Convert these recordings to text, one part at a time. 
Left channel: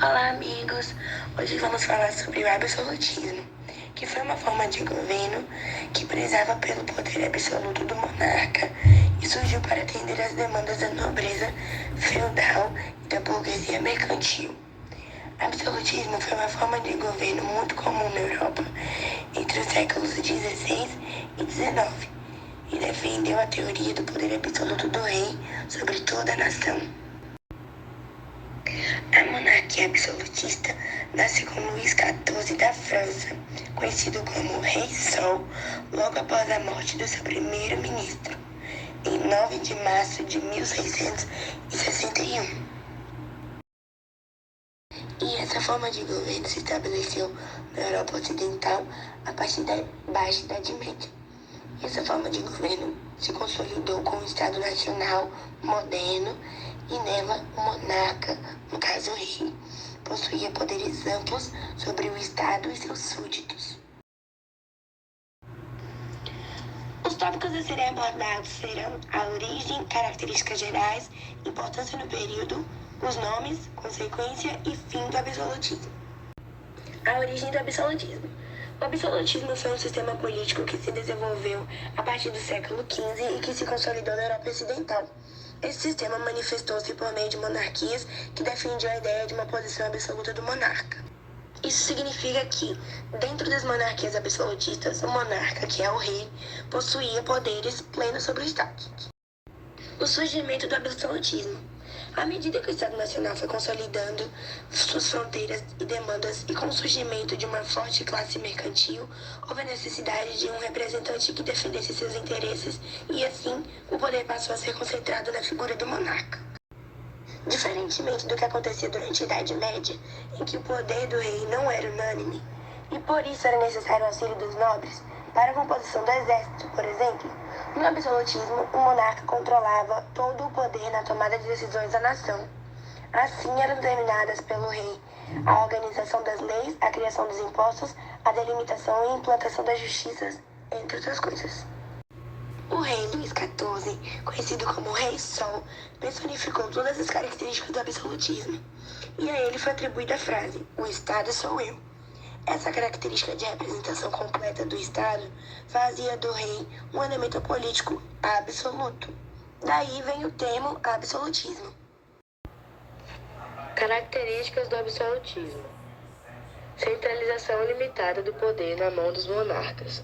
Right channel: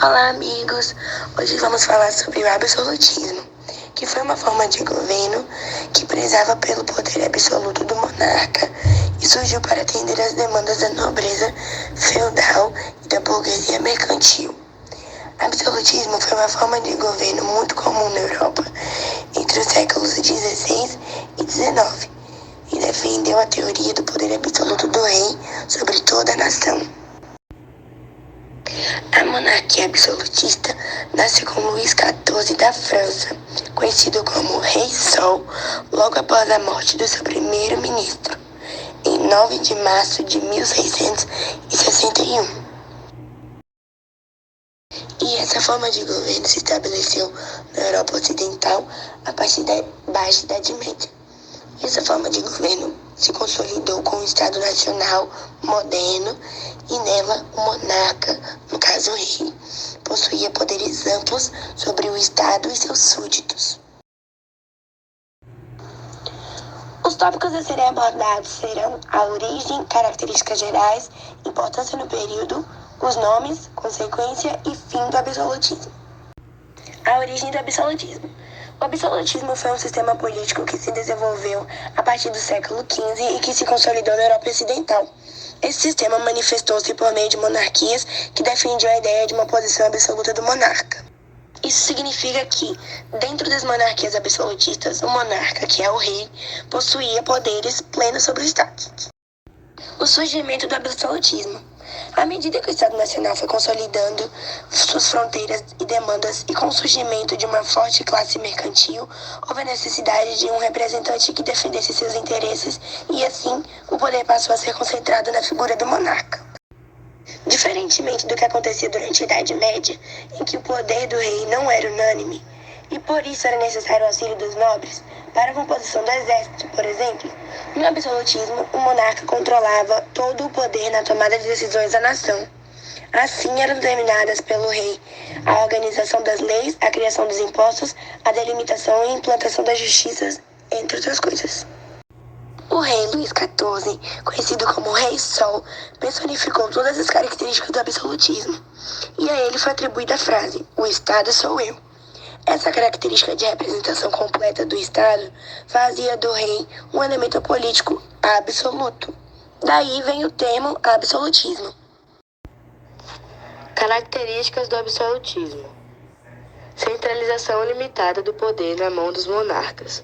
Olá, amigos! Hoje vamos falar sobre o absolutismo, que foi uma forma de governo que prezava pelo poder absoluto do monarca e surgiu para atender às demandas da nobreza feudal e da burguesia mercantil. Absolutismo foi uma forma de governo muito comum na Europa entre os séculos XVI e XIX e defendeu a teoria do poder absoluto do rei sobre toda a nação. A monarquia absolutista nasceu com Luís XIV da França, conhecido como Rei Sol, logo após a morte do seu primeiro-ministro, em 9 de março de 1661. E essa forma de governo se estabeleceu na Europa Ocidental a partir da Baixa Idade Média. Essa forma de governo se consolidou com o Estado Nacional moderno e nela o monarca, no caso o rei, possuía poderes amplos sobre o Estado e seus súditos. Os tópicos a serem abordados serão a origem, características gerais, importância no período, os nomes, consequência e fim do absolutismo. A origem do absolutismo. O absolutismo foi um sistema político que se desenvolveu a partir do século XV e que se consolidou na Europa Ocidental. Esse sistema manifestou-se por meio de monarquias que defendiam a ideia de uma posição absoluta do monarca. Isso significa que, dentro das monarquias absolutistas, o monarca, que é o rei, possuía poderes plenos sobre o Estado. O surgimento do absolutismo. À medida que o Estado Nacional foi consolidando suas fronteiras e demandas e com o surgimento de uma forte classe mercantil, houve a necessidade de um representante que defendesse seus interesses e, assim, o poder passou a ser concentrado na figura do monarca. Diferentemente do que acontecia durante a Idade Média, em que o poder do rei não era unânime, e por isso era necessário o auxílio dos nobres, para a composição do exército, por exemplo, no absolutismo, o monarca controlava todo o poder na tomada de decisões da nação. Assim eram determinadas pelo rei a organização das leis, a criação dos impostos, a delimitação e implantação das justiças, entre outras coisas. O rei Luís XIV, conhecido como Rei Sol, personificou todas as características do absolutismo, e a ele foi atribuída a frase: "O Estado sou eu". Essa característica de representação completa do Estado fazia do rei um elemento político absoluto. Daí vem o termo absolutismo. Características do absolutismo: centralização limitada do poder na mão dos monarcas.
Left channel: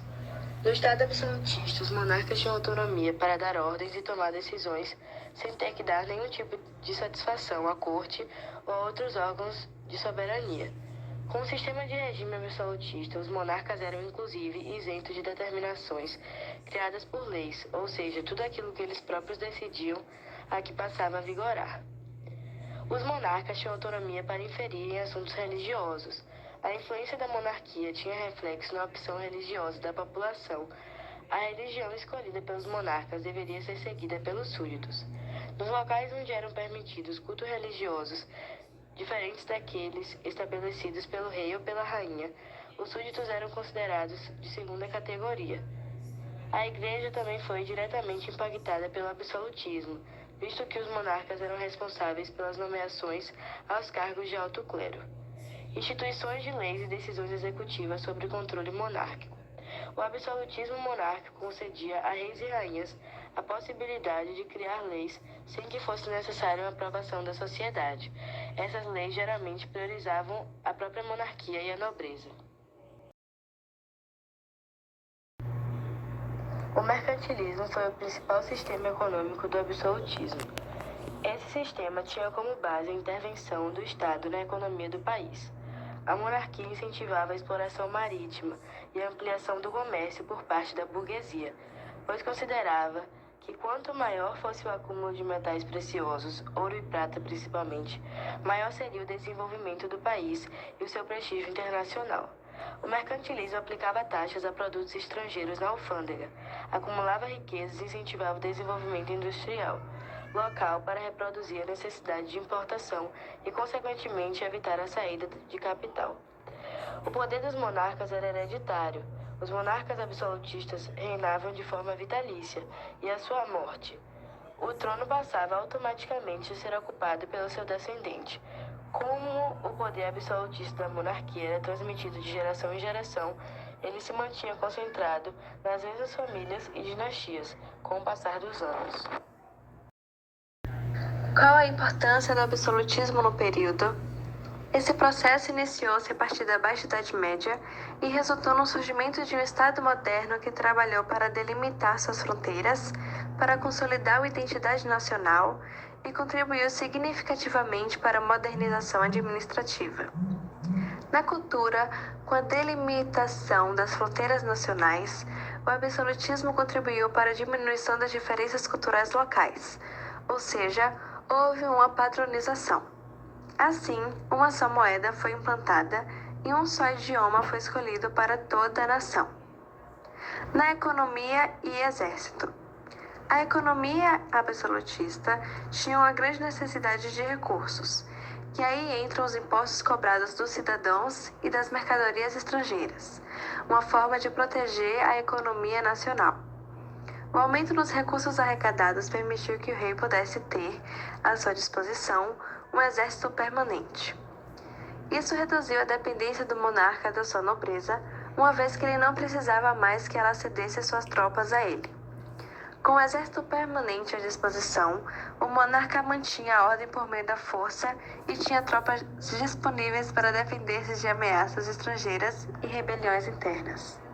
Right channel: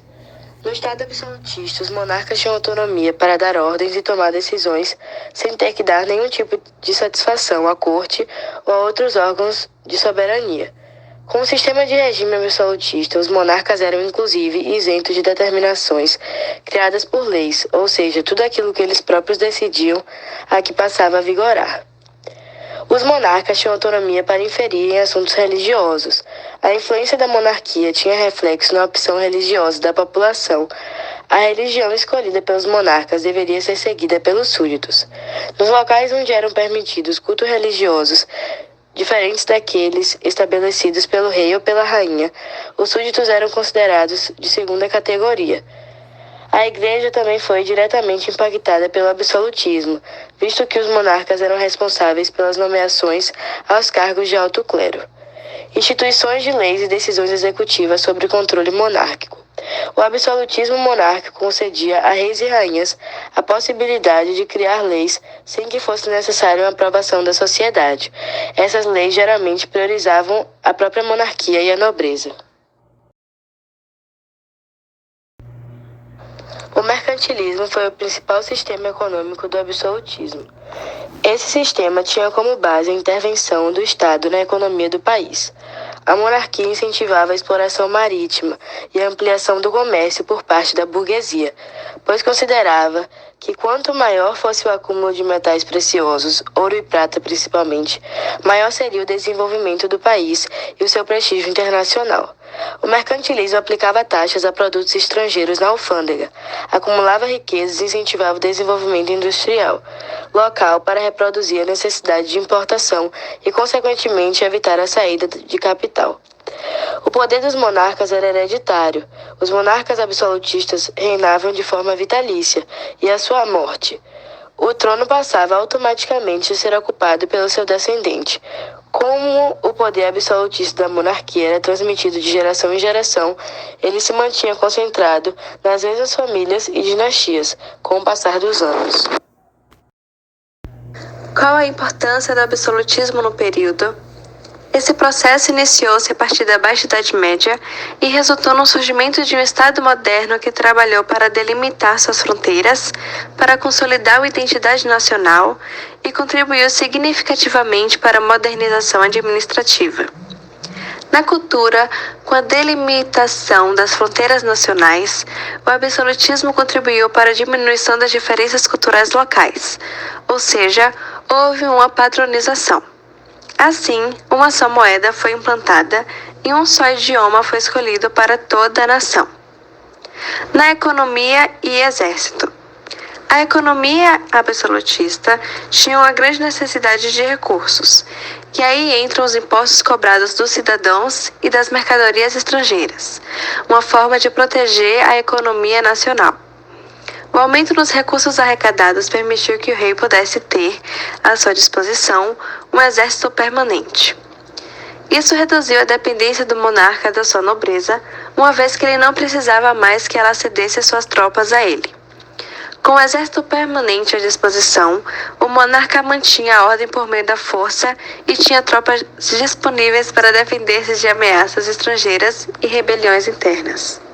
No Estado absolutista, os monarcas tinham autonomia para dar ordens e tomar decisões sem ter que dar nenhum tipo de satisfação à corte ou a outros órgãos de soberania. Com o sistema de regime absolutista, os monarcas eram inclusive isentos de determinações criadas por leis, ou seja, tudo aquilo que eles próprios decidiam a que passava a vigorar. Os monarcas tinham autonomia para inferir em assuntos religiosos. A influência da monarquia tinha reflexo na opção religiosa da população. A religião escolhida pelos monarcas deveria ser seguida pelos súditos. Nos locais onde eram permitidos cultos religiosos diferentes daqueles estabelecidos pelo rei ou pela rainha, os súditos eram considerados de segunda categoria. A Igreja também foi diretamente impactada pelo absolutismo, visto que os monarcas eram responsáveis pelas nomeações aos cargos de alto clero. Instituições de leis e decisões executivas sob controle monárquico. O absolutismo monárquico concedia a reis e rainhas a possibilidade de criar leis sem que fosse necessária uma aprovação da sociedade. Essas leis geralmente priorizavam a própria monarquia e a nobreza. O mercantilismo foi o principal sistema econômico do absolutismo. Esse sistema tinha como base a intervenção do Estado na economia do país. A monarquia incentivava a exploração marítima e a ampliação do comércio por parte da burguesia, pois considerava que quanto maior fosse o acúmulo de metais preciosos, ouro e prata principalmente, maior seria o desenvolvimento do país e o seu prestígio internacional. O mercantilismo aplicava taxas a produtos estrangeiros na alfândega, acumulava riquezas e incentivava o desenvolvimento industrial local para reproduzir a necessidade de importação e, consequentemente, evitar a saída de capital. O poder dos monarcas era hereditário. Os monarcas absolutistas reinavam de forma vitalícia e, à sua morte, o trono passava automaticamente a ser ocupado pelo seu descendente. Como o poder absolutista da monarquia era transmitido de geração em geração, ele se mantinha concentrado nas mesmas famílias e dinastias, com o passar dos anos. Qual a importância do absolutismo no período? Esse processo iniciou-se a partir da Baixa Idade Média e resultou no surgimento de um Estado moderno que trabalhou para delimitar suas fronteiras, para consolidar a identidade nacional e contribuiu significativamente para a modernização administrativa. Na cultura, com a delimitação das fronteiras nacionais, o absolutismo contribuiu para a diminuição das diferenças culturais locais, ou seja, houve uma padronização. Assim, uma só moeda foi implantada e um só idioma foi escolhido para toda a nação. Na economia e exército. A economia absolutista tinha uma grande necessidade de recursos, e aí entram os impostos cobrados dos cidadãos e das mercadorias estrangeiras, uma forma de proteger a economia nacional. O aumento nos recursos arrecadados permitiu que o rei pudesse ter, à sua disposição, um exército permanente. Isso reduziu a dependência do monarca da sua nobreza, uma vez que ele não precisava mais que ela cedesse suas tropas a ele. Com o exército permanente à disposição, o monarca mantinha a ordem por meio da força e tinha tropas disponíveis para defender-se de ameaças estrangeiras e rebeliões internas.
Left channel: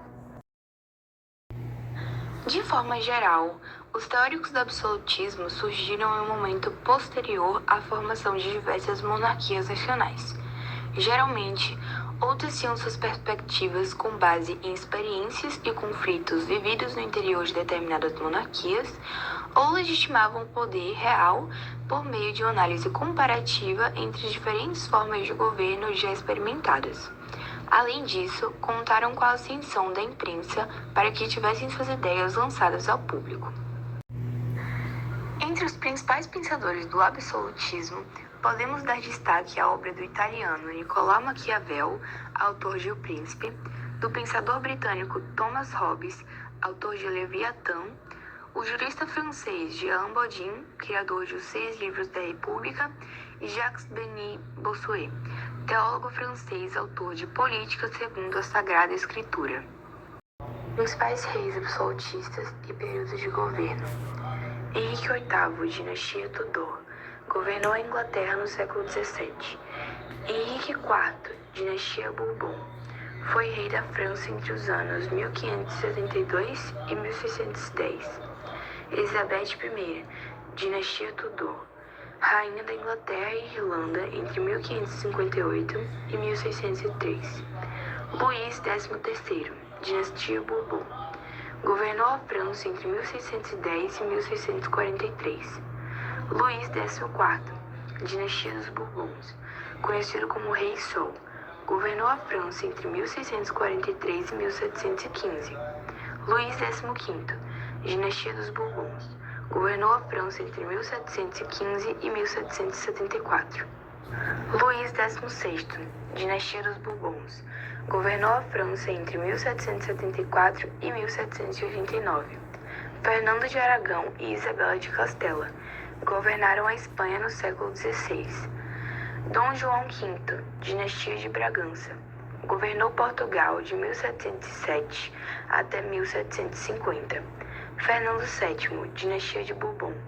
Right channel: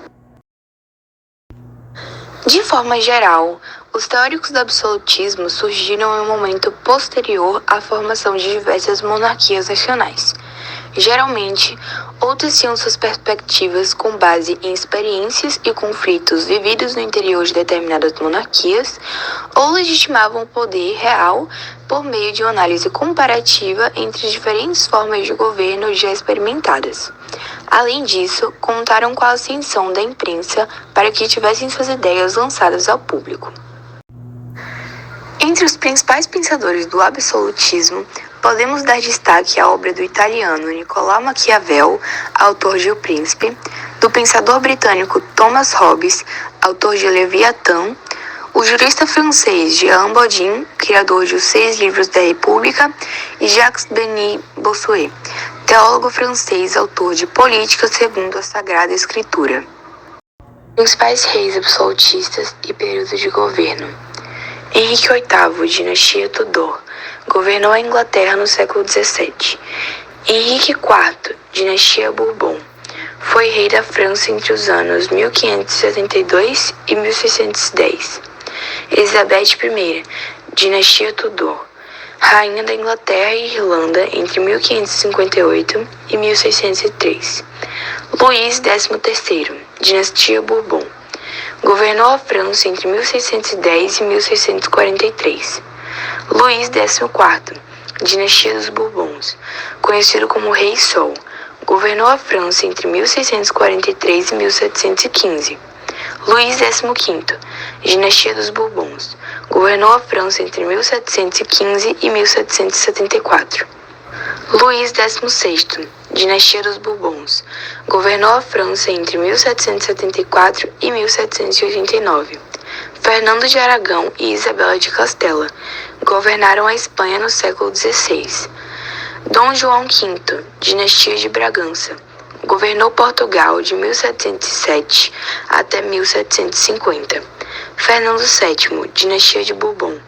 De forma geral, os teóricos do absolutismo surgiram em um momento posterior à formação de diversas monarquias nacionais. Geralmente, outros tinham suas perspectivas com base em experiências e conflitos vividos no interior de determinadas monarquias, ou legitimavam o poder real por meio de uma análise comparativa entre diferentes formas de governo já experimentadas. Além disso, contaram com a ascensão da imprensa para que tivessem suas ideias lançadas ao público. Entre os principais pensadores do absolutismo, podemos dar destaque à obra do italiano Nicolau Maquiavel, autor de O Príncipe, do pensador britânico Thomas Hobbes, autor de Leviatã, o jurista francês Jean Bodin, criador de Os 6 Livros da República, e Jacques-Denis Bossuet, teólogo francês, autor de Política segundo a Sagrada Escritura. Principais reis absolutistas e período de governo. Henrique VIII, dinastia Tudor, governou a Inglaterra no século XVII. Henrique IV, dinastia Bourbon, foi rei da França entre os anos 1572 e 1610. Elizabeth I, dinastia Tudor, rainha da Inglaterra e Irlanda entre 1558 e 1603. Luís XIII, dinastia Bourbon, governou a França entre 1610 e 1643. Luís XIV, dinastia dos Bourbons, conhecido como Rei Sol, governou a França entre 1643 e 1715. Luís XV, dinastia dos Bourbons, governou a França entre 1715 e 1774. Luís XVI, dinastia dos Bourbons, governou a França entre 1774 e 1789. Fernando de Aragão e Isabela de Castela governaram a Espanha no século XVI. Dom João V, dinastia de Bragança, governou Portugal de 1707 até 1750. Fernando VII, dinastia de Bourbon,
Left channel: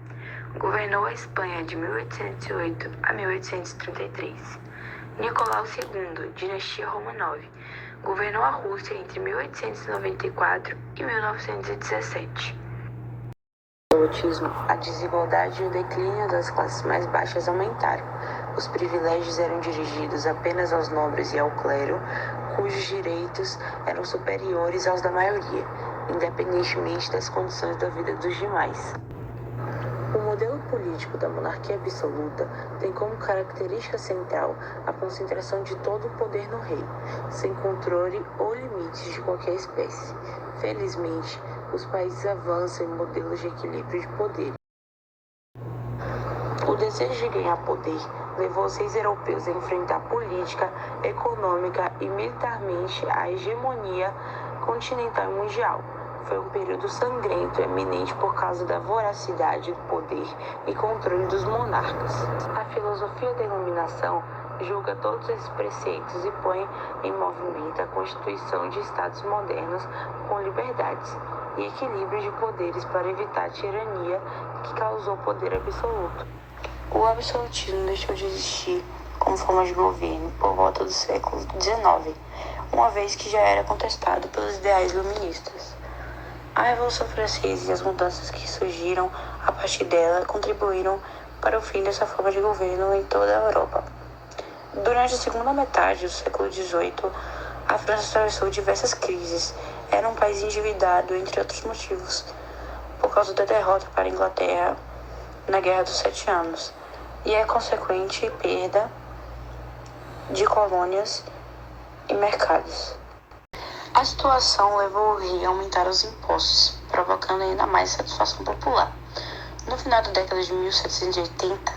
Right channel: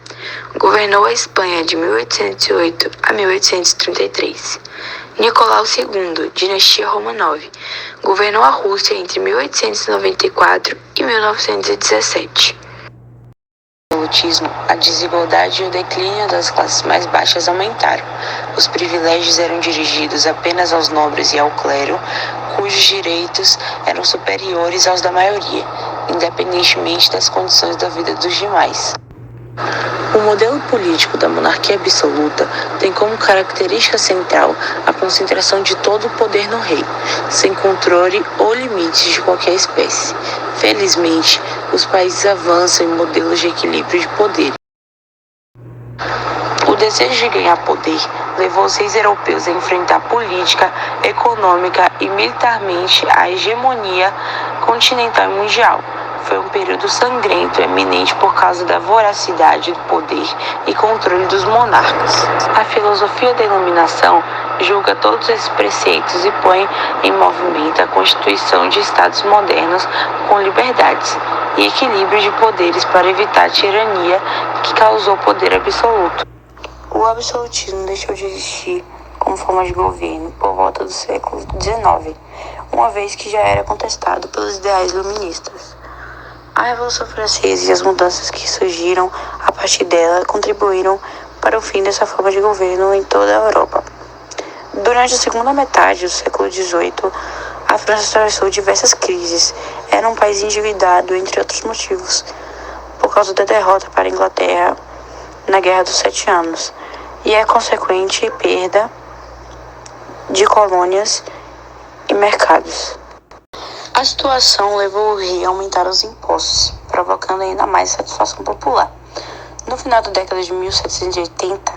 governou a Espanha de 1808 a 1833. Nicolau II, dinastia Romanov, governou a Rússia entre 1894 e 1917. A desigualdade e o declínio das classes mais baixas aumentaram. Os privilégios eram dirigidos apenas aos nobres e ao clero, cujos direitos eram superiores aos da maioria, independentemente das condições da vida dos demais. O modelo político da monarquia absoluta tem como característica central a concentração de todo o poder no rei, sem controle ou limites de qualquer espécie. Felizmente, os países avançam em modelos de equilíbrio de poder. O desejo de ganhar poder levou os reis europeus a enfrentar política, econômica e militarmente a hegemonia continental e mundial. foi um período sangrento eminente por causa da voracidade do poder e controle dos monarcas. A filosofia da iluminação julga todos esses preceitos e põe em movimento a constituição de estados modernos com liberdades e equilíbrio de poderes para evitar a tirania que causou o poder absoluto. O absolutismo deixou de existir como forma de governo por volta do século XIX, uma vez que já era contestado pelos ideais iluministas. A Revolução Francesa e as mudanças que surgiram a partir dela contribuíram para o fim dessa forma de governo em toda a Europa. Durante a segunda metade do século XVIII, a França atravessou diversas crises. Era um país endividado, entre outros motivos, por causa da derrota para a Inglaterra na Guerra dos 7 Anos e a consequente perda de colônias e mercados. A situação levou o rei a aumentar os impostos, provocando ainda mais satisfação popular. No final da década de 1780,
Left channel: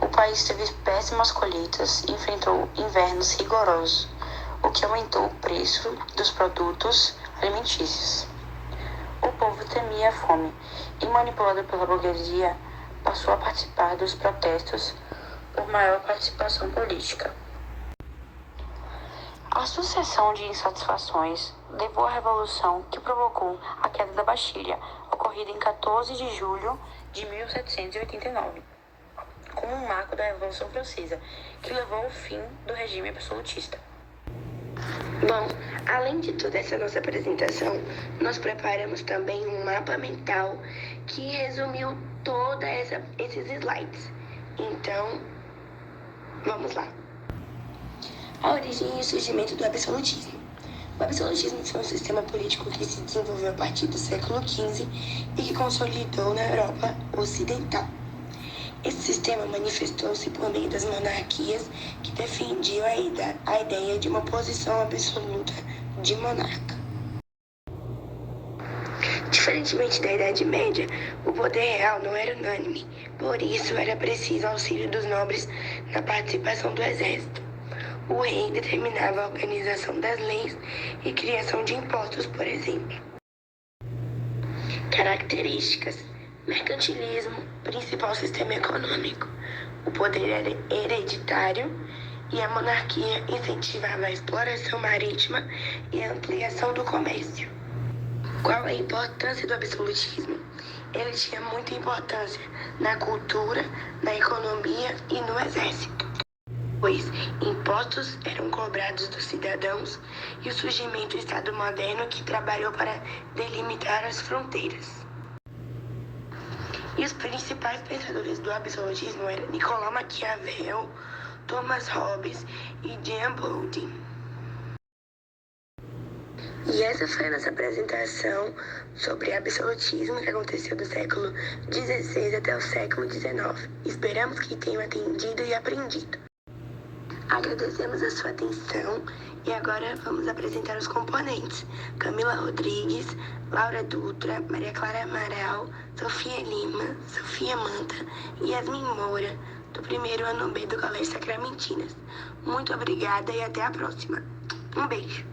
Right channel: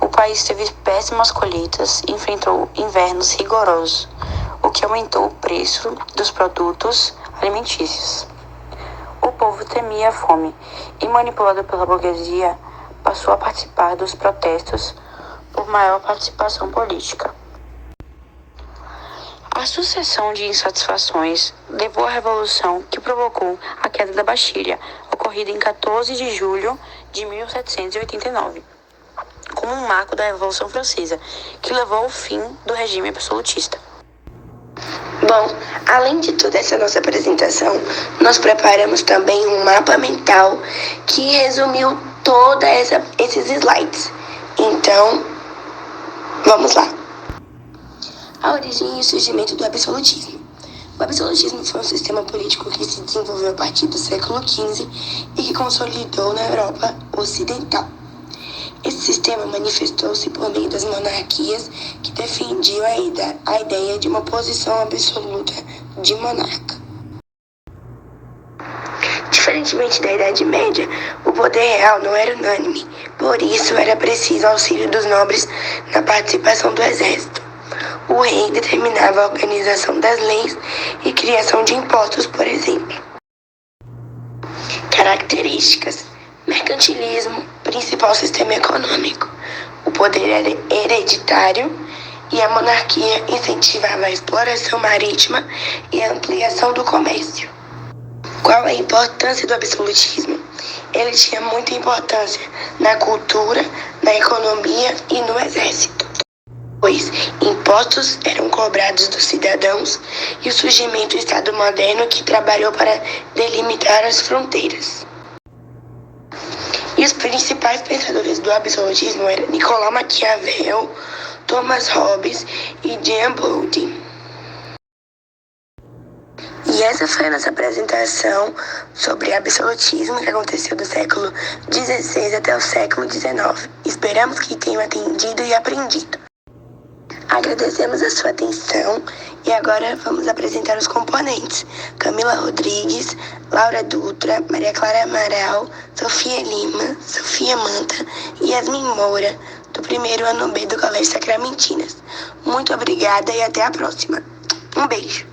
o país teve péssimas colheitas e enfrentou invernos rigorosos, o que aumentou o preço dos produtos alimentícios. O povo temia a fome e, manipulado pela burguesia, passou a participar dos protestos por maior participação política. A sucessão de insatisfações levou à Revolução que provocou a queda da Bastilha, ocorrida em 14 de julho de 1789, como um marco da Revolução Francesa, que levou ao fim do regime absolutista. Bom, além de toda essa nossa apresentação, nós preparamos também um mapa mental que resumiu todos esses slides. Então, vamos lá. A origem e o surgimento do absolutismo. O absolutismo foi um sistema político que se desenvolveu a partir do século XV e que consolidou na Europa Ocidental. Esse sistema manifestou-se por meio das monarquias que defendiam a ideia de uma posição absoluta de monarca. Diferentemente da Idade Média, o poder real não era unânime, por isso era preciso auxílio dos nobres na participação do exército. O rei determinava a organização das leis e criação de impostos, por exemplo. Características: mercantilismo, principal sistema econômico. O poder era hereditário e a monarquia incentivava a exploração marítima e a ampliação do comércio. Qual a importância do absolutismo? Ele tinha muita importância na cultura, na economia e no exército, pois impostos eram cobrados dos cidadãos e o surgimento do Estado moderno que trabalhou para delimitar as fronteiras. E os principais pensadores do absolutismo eram Nicolau Maquiavel, Thomas Hobbes e Jean Bodin. E essa foi a nossa apresentação sobre absolutismo que aconteceu do século XVI até o século XIX. Esperamos que tenham atendido e aprendido. Agradecemos a sua atenção e agora vamos apresentar os componentes. Camila Rodrigues, Laura Dutra, Maria Clara Amaral, Sofia Lima, Sofia Manta e Yasmin Moura, do primeiro ano B do Colégio Sacramentinas. Muito obrigada e até a próxima. Um beijo.